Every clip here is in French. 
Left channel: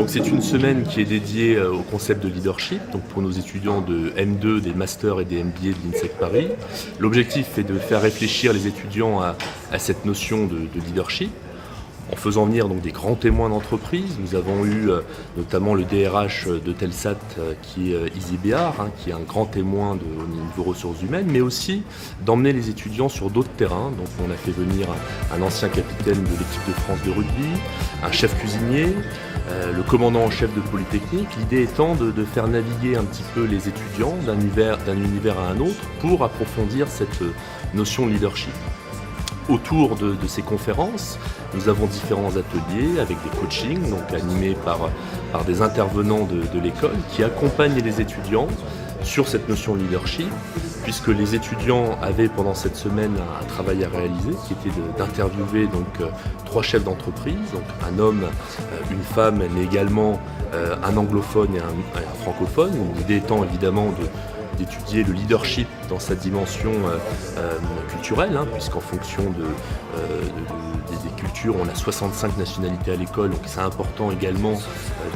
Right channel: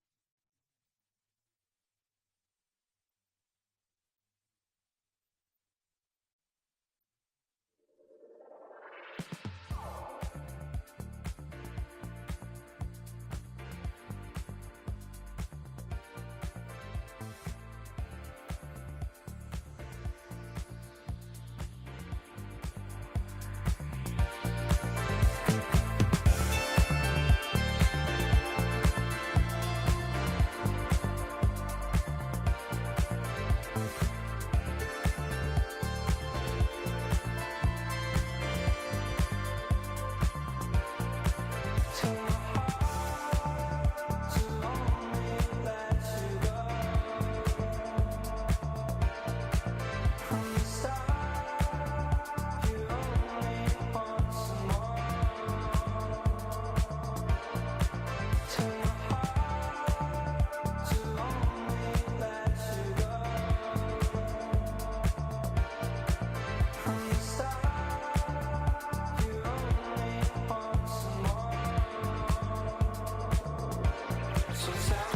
Donc c'est une semaine qui est dédiée au concept de leadership, donc pour nos étudiants de M2, des masters et des MBA de l'INSEC Paris. L'objectif est de faire réfléchir les étudiants à cette notion de leadership, en faisant venir donc des grands témoins d'entreprise. Nous avons eu notamment le DRH de Telsat qui est Izzy Béard, qui est un grand témoin au niveau ressources humaines, mais aussi d'emmener les étudiants sur d'autres terrains. Donc on a fait venir un ancien capitaine de l'équipe de France de rugby, un chef cuisinier, le commandant en chef de Polytechnique. L'idée étant de faire naviguer un petit peu les étudiants d'un univers à un autre pour approfondir cette notion de leadership. Autour de ces conférences, nous avons différents ateliers avec des coachings, donc animés par des intervenants de l'école qui accompagnent les étudiants sur cette notion de leadership, puisque les étudiants avaient pendant cette semaine un travail à réaliser qui était d'interviewer donc 3 chefs d'entreprise, donc un homme, une femme, mais également un anglophone et un francophone. L'idée étant évidemment d'étudier le leadership dans sa dimension culturelle, puisqu'en fonction des cultures, on a 65 nationalités à l'école, donc c'est important également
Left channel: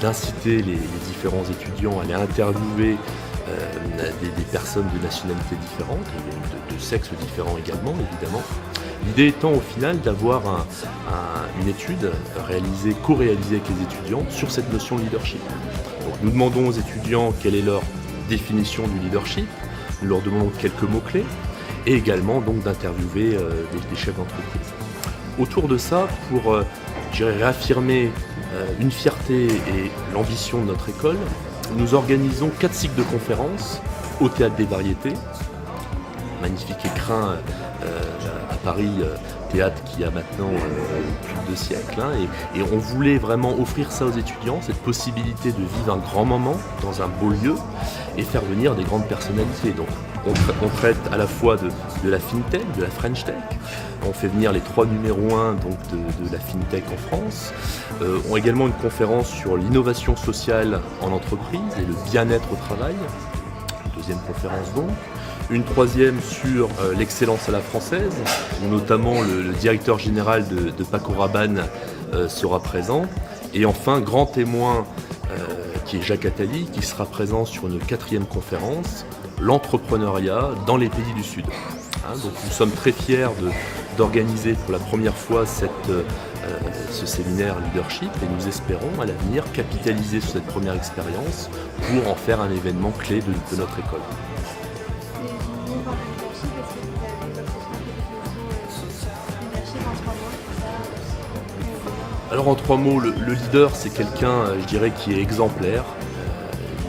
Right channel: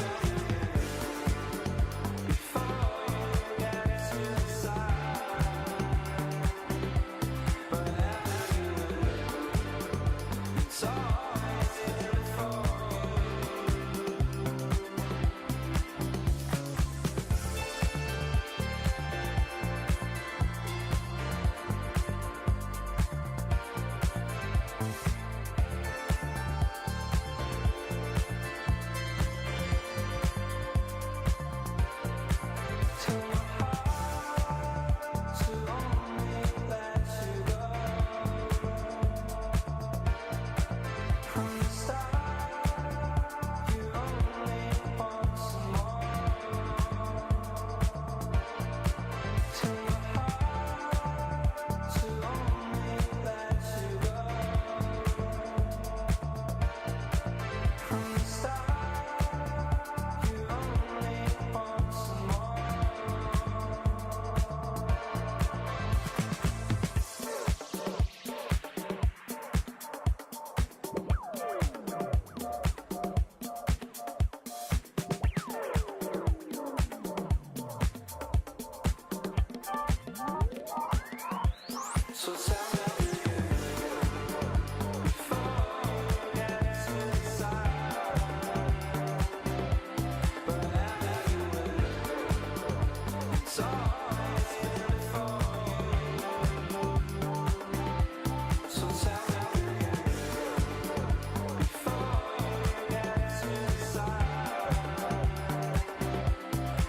d'inciter les différents étudiants à aller interviewer des personnes de nationalités différentes, de sexes différents également, évidemment. L'idée étant au final d'avoir une étude co-réalisée avec les étudiants sur cette notion de leadership. Donc, nous demandons aux étudiants quelle est leur définition du leadership, nous leur demandons quelques mots-clés et également donc d'interviewer des chefs d'entreprise. Autour de ça, pour réaffirmer une fierté et l'ambition de notre école, nous organisons 4 cycles de conférences au Théâtre des Variétés, magnifique écrin à Paris, théâtre qui a maintenant plus de 2 siècles. Et on voulait vraiment offrir ça aux étudiants, cette possibilité de vivre un grand moment dans un beau lieu et faire venir des grandes personnalités. Donc on traite à la fois de la FinTech, de la French Tech. On fait venir les 3 numéros 1 donc de la FinTech en France. On a également une conférence sur l'innovation sociale en entreprise et le bien-être au travail. 2e conférence donc. Une 3e sur l'excellence à la française, où notamment le directeur général de Paco Rabanne sera présent. Et enfin, grand témoin qui est Jacques Attali, qui sera présent sur une 4e conférence, l'entrepreneuriat dans les pays du Sud. Donc nous sommes très fiers d'organiser pour la première fois ce séminaire leadership et nous espérons à l'avenir capitaliser sur cette première expérience pour en faire un événement clé de notre école. Alors en 3 mots, le leader c'est quelqu'un, je dirais, qui est exemplaire,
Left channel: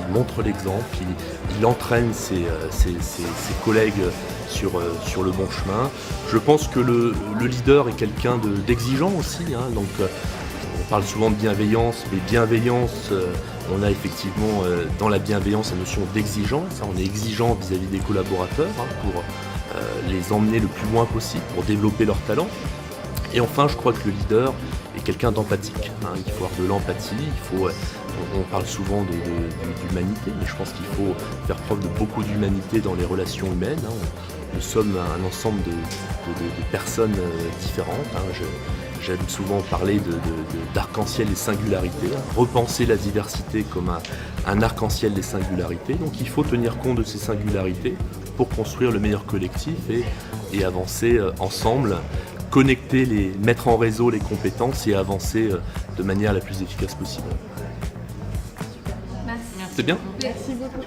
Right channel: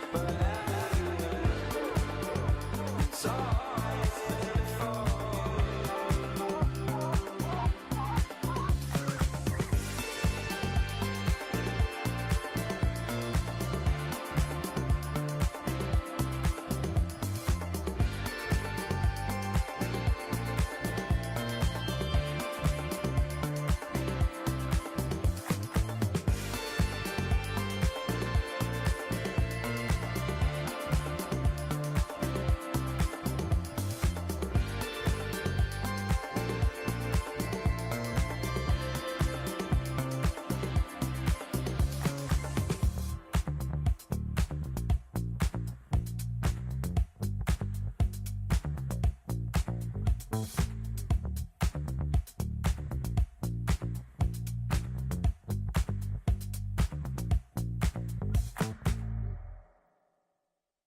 il montre l'exemple, il entraîne ses collègues sur le bon chemin. Je pense que le leader est quelqu'un d'exigeant aussi, donc on parle souvent de bienveillance, mais bienveillance, on a effectivement dans la bienveillance la notion d'exigence, on est exigeant vis-à-vis des collaborateurs pour les emmener le plus loin possible, pour développer leurs talents. Et enfin, je crois que le leader est quelqu'un d'empathique. Il faut avoir de l'empathie, on parle souvent d'humanité, mais je pense qu'il faut faire preuve de beaucoup d'humanité dans les relations humaines. Nous sommes un ensemble de personnes différentes. J'aime souvent parler d'arc-en-ciel et singularité, repenser la diversité comme un arc-en-ciel des singularités. Donc il faut tenir compte de ces singularités pour construire le meilleur collectif et avancer ensemble, mettre en réseau les compétences et avancer de manière la plus efficace possible. Merci. C'est bien ? Merci beaucoup.